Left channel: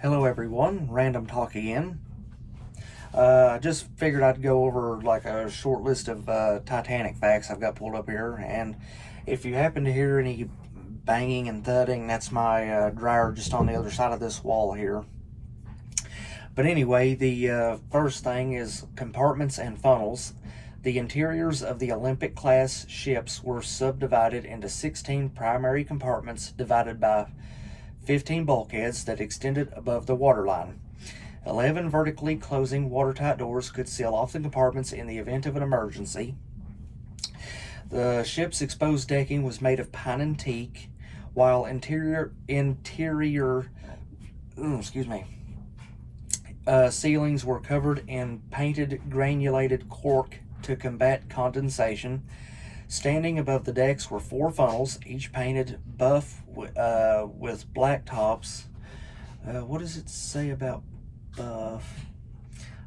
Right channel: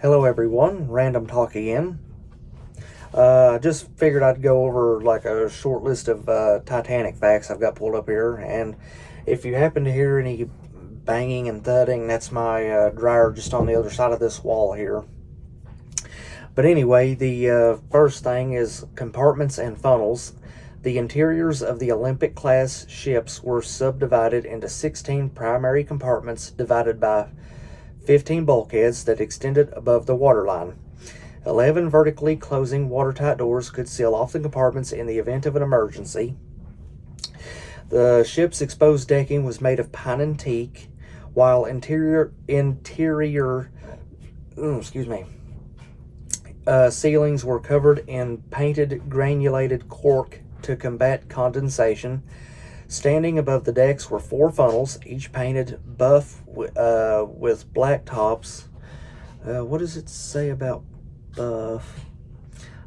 Hello everyone, Random Talk again. I just figured I'd go over like a short list of Titanic facts I've got pulled up here, and if you happen to hear any banging and thudding, that's my dryer just on the other side of this wall here. But anyway, the first thing is compartments and funnels. The interiors of the Olympic-class ships were subdivided into 16 primary compartments divided by 15 bulkheads that extended above the waterline. 11 vertically closing watertight doors could seal off the compartments in the event of an emergency. The ship's exposed decking was made of pine and teak, while interior ceilings were covered in painted granulated cork to combat condensation. Standing above the decks were 4 funnels, each painted buff with black tops. What does it say about buff?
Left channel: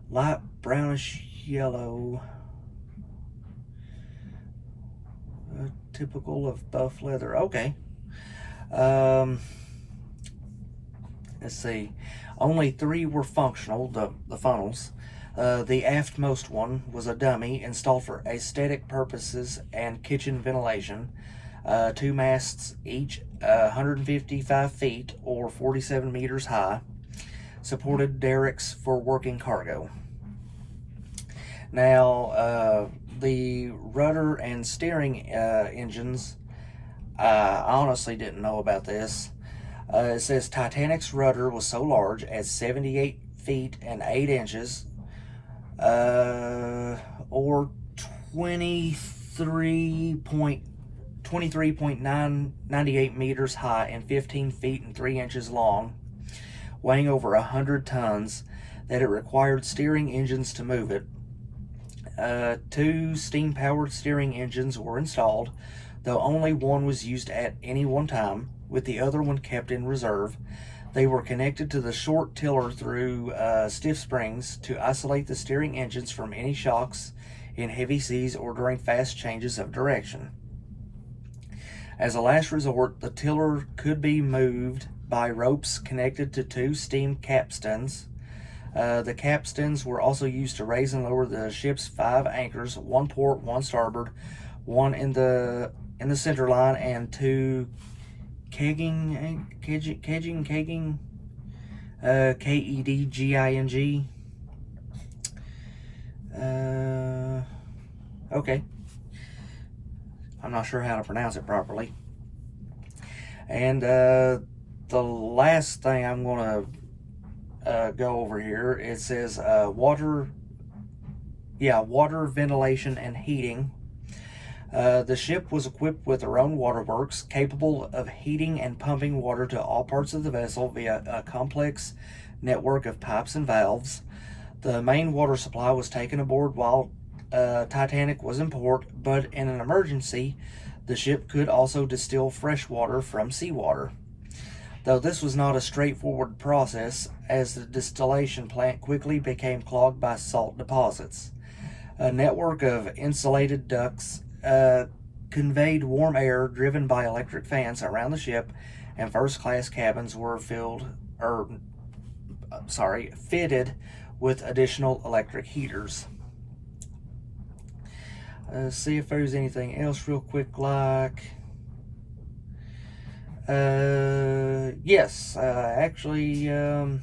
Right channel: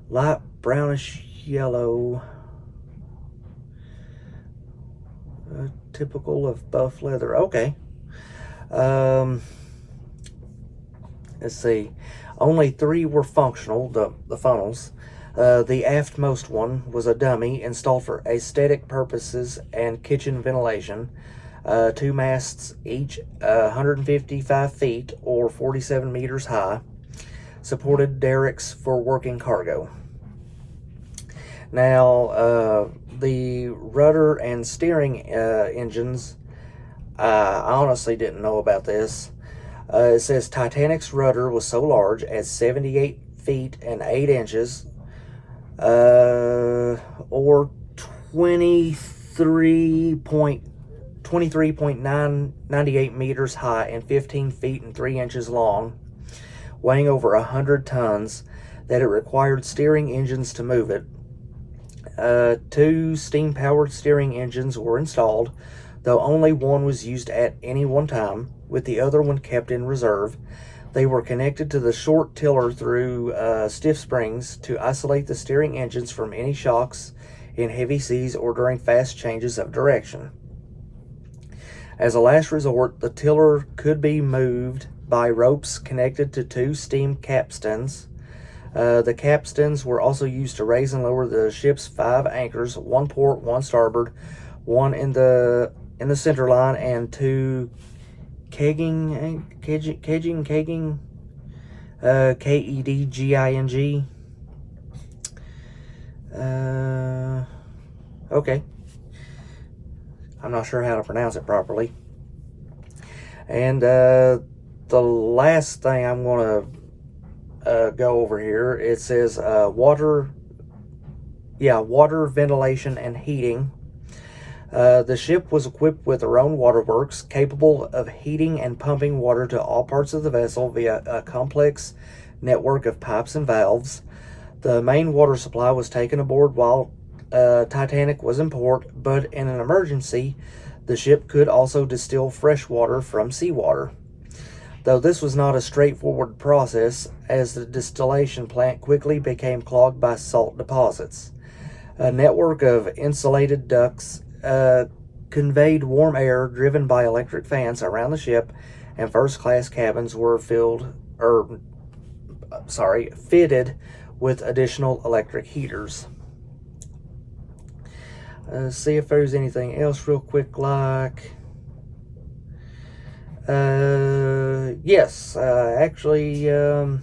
Light brownish yellow. Typical of buff leather. Okay. Let's see. Only 3 were functional, the funnels. The aftmost one was a dummy installed for aesthetic purposes and kitchen ventilation. 2 masts, each 155 feet or 47 meters high, supported derricks for working cargo. Now, the rudder and steering engines, I honestly didn't know about this. It says Titanic's rudder was so large as 78 feet and 8 inches, or 23.998 meters high and 15 feet and 3 inches long, weighing over 100 tons, that it required steering engines to move it. 2 steam-powered steering engines were installed, though only one was used at any one time, with the other one kept in reserve. They were connected to the short tiller through stiff springs to isolate the steering engines from any shocks in heavy seas or during fast changes of direction. As a last resort, the tiller could be moved by ropes connected to 2 steam capstans. The capstans were also used to raise and lower the ship's 5 anchors, 1 port, 1 starboard, 1 in the center line, and 2 kegging, Kedging, Kedging. Okay. I'm not sure how to pronounce it properly. And the last thing I'm going to go over here, it says water ventilation and heating. The ship was equipped with their own waterworks, capable of heating and pumping water to all parts of the vessel via a complex network of pipes and valves. The main water supply was taken aboard while Titanic was in port, but in an emergency, the ship could also distill fresh water from seawater. Though this was not a straightforward process, as the distillation plant quickly became clogged by salt deposits. A network of insulated ducts conveyed warm air driven by electric fans around the ship, and first-class cabins were fitted with additional electric heaters. See if there's anything else real quick, like yes, actually, no,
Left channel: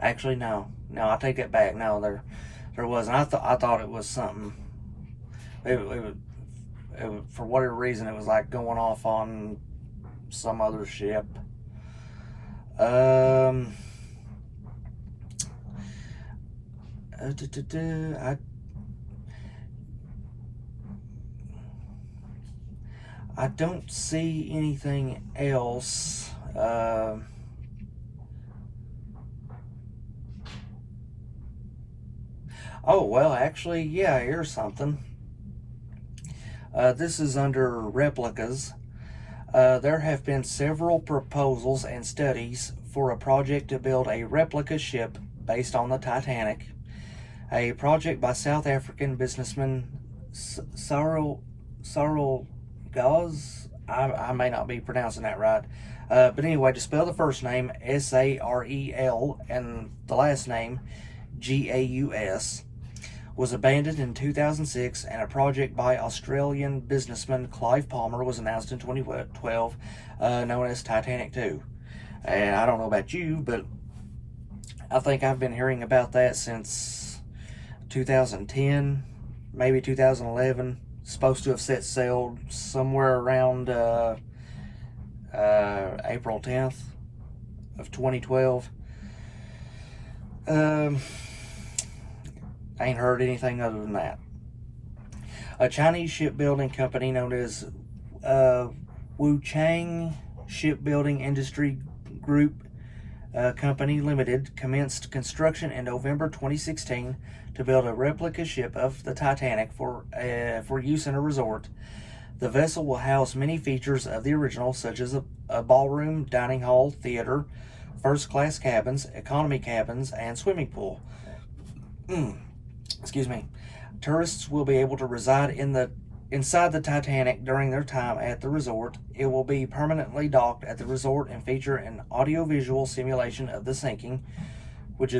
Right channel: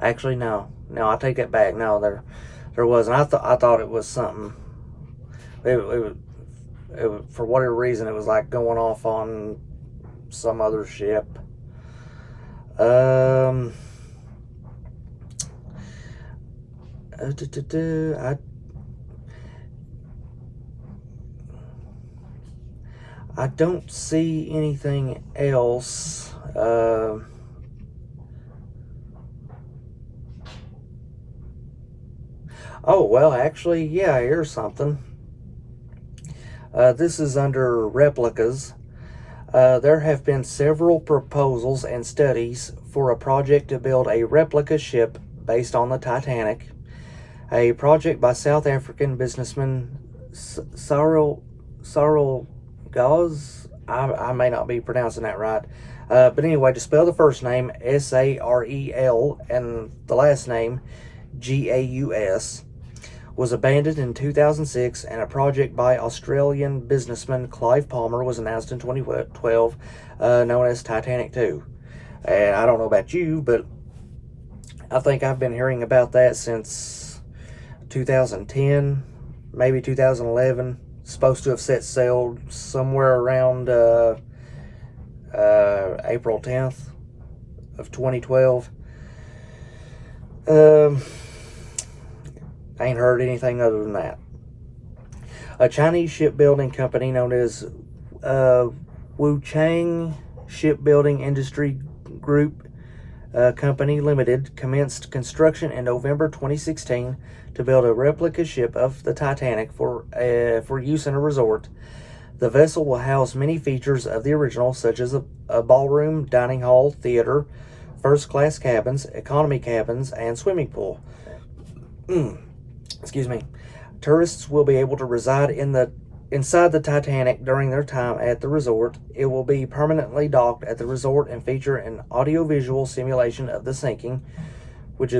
I take that back. No, there wasn't. I thought it was something. It for whatever reason, it was like going off on some other ship. I don't see anything else. Oh, well, actually, yeah, here's something. This is under replicas. There have been several proposals and studies for a project to build a replica ship based on the Titanic. A project by South African businessman Sarel Gaz. I may not be pronouncing that right. But anyway, to spell the first name, Sarel, and the last name, Gaus, was abandoned in 2006, and a project by Australian businessman Clive Palmer was announced in 2012, known as Titanic 2. And I don't know about you, but I think I've been hearing about that since 2010, maybe 2011. Supposed to have set sail somewhere around April 10th of 2012. I ain't heard anything other than that. A Chinese shipbuilding company known as Wuchang Shipbuilding Industry Group Company Limited commenced construction in November 2016 to build a replica ship of the Titanic for use in a resort. The vessel will house many features of the original, such as a ballroom, dining hall, theater, first-class cabins, economy cabins, and swimming pool. Excuse me. Tourists will be able to reside inside the Titanic during their time at the resort. It will be permanently docked at the resort and feature an audiovisual simulation of the sinking, which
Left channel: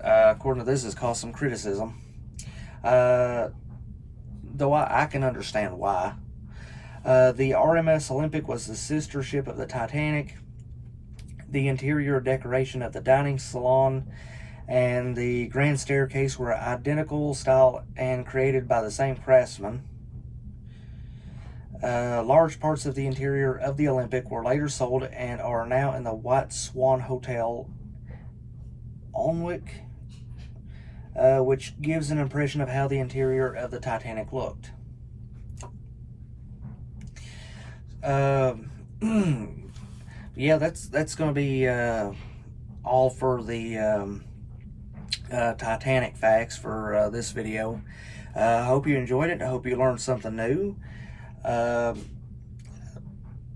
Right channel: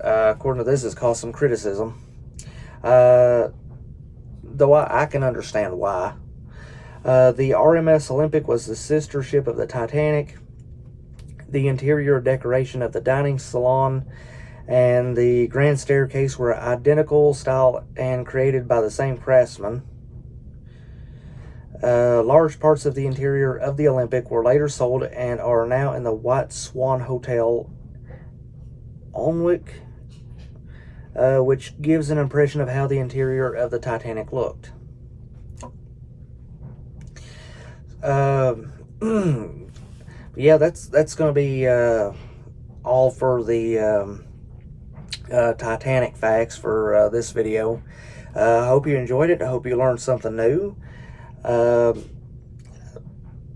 according to this has caused some criticism. Though I can understand why. The RMS Olympic was the sister ship of the Titanic. The interior decoration of the dining salon and the grand staircase were identical style and created by the same craftsman. Large parts of the interior of the Olympic were later sold and are now in the White Swan Hotel, Alnwick, which gives an impression of how the interior of the Titanic looked. Yeah, that's going to be all for the Titanic facts for this video. I hope you enjoyed it. I hope you learned something new.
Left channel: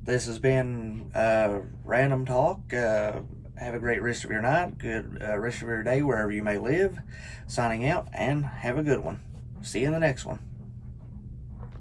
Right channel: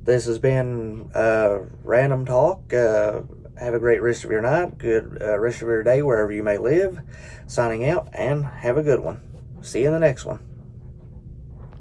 This has been Random Talk. Have a great rest of your night, good rest of your day wherever you may live. Signing out, and have a good one. See you in the next one.